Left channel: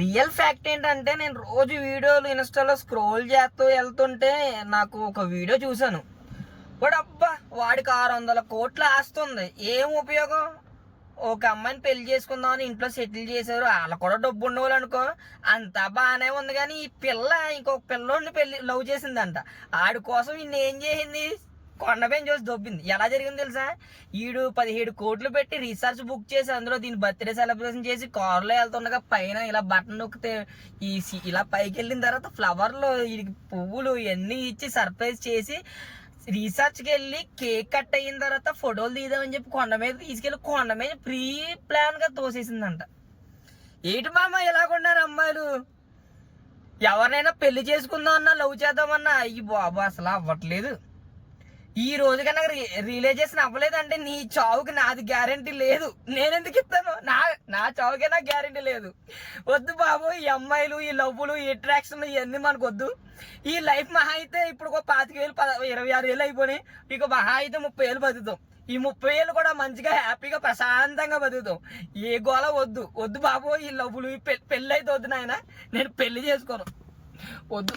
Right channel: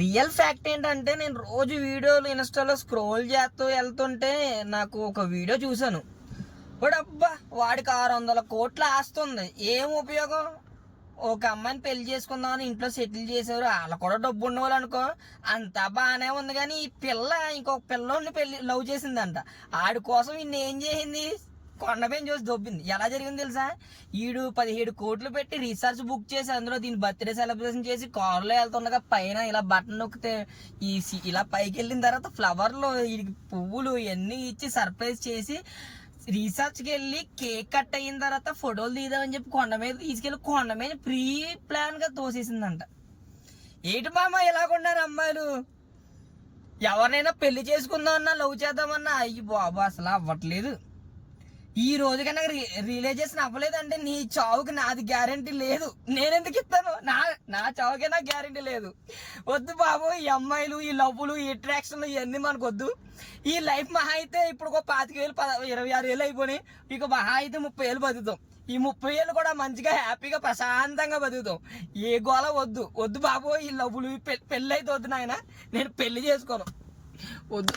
Real fact ఏంటంటే నేను రోజు వీడియోలు ఇన్స్టాలో స్క్రోల్ చేస్తూ వెళ్తుంటే నాకు ఒక వీడియో చూశాను. అబ్బా వాడికి 600 కోట్ల ఆస్తుంది, ఏం ఉపయోగం? ఒక అమ్మాయిని పెళ్లి చేసుకుందామని ఇంట్లో సెటిల్ చేశారు, వాళ్ళు కూడా డబ్బు ఉండేవాళ్ళు అనుకో, అంతా బాగానే ఉంది. కానీ ఈ పిల్ల ఇంకొక పిల్లోడిని లవ్ చేసిందంట. ఆడి కోసం ఈయన ఏం చేసింది? కొండపైన చూసి దొబ్బింది. ఎలా జరిగింది తెలుసా? 17 కోట్లు పెట్టి రీఛార్జ్ బుక్ చేసి అందులో దీని బర్త్డే సెలబ్రేషన్ చేసి కారులో వెళ్తుండగా పైన ఇలా బటన్ నొక్కితే ఇలా పైకి వెళ్ళిన తర్వాత ఫ్లవర్లో వీడికి పువ్వులు ఇవన్నీ ఇచ్చి సర్ప్రైజ్ చేసి రీసెర్చ్కి వెళ్ళి కేక్ కట్ అయిన తర్వాత ఫోటోలు తీద్దామని చెప్పి కొండ మీద తీసుకెళ్ళి కొండ మీద ప్రీ ప్లాన్ గా తోసేసిందంట. ఏంటి మామ ఇలాగున్నారు అమ్మాయిలు? ఎవరినైనా పెళ్లి చేసుకుందామన్నా లవ్ చేద్దామన్నా అయ్యి బాబు అసలు అవ్వట్లేదు. ఈ రోజు కన్నా రియలైజేషన్ అవ్వలేదంటే నీ చావుకి నాది గ్యారంటీ లేదు. నేనెందుకు ఇస్తాను? నా చావుకే నాకు గ్యారంటీ లేదు. వద్దు బాబు, ఈ అమ్మాయిలు, ఈ లవ్వులు, ఈ అట్రాక్షన్లు ఇవన్నీ మనకు వద్దు. ఈ లైఫ్ మహా అయితే ఇప్పుడు ఒక 25,000 26,000 అయిపోయినాయి. ఇక మహా అయితే 30 ఏళ్ళు బతుకుతాం. ఈ 30 ఏళ్ళు కూడా మంచిగా హ్యాపీగా ప్రశాంతంగా బతుకుతాం. ఏ గోళ వద్దు. వద్దు బాబు, ఈ లవ్వులు పెళ్ళి అయితే వద్దు నాయన. నేను పెళ్లి చేసుకోను, వద్దు.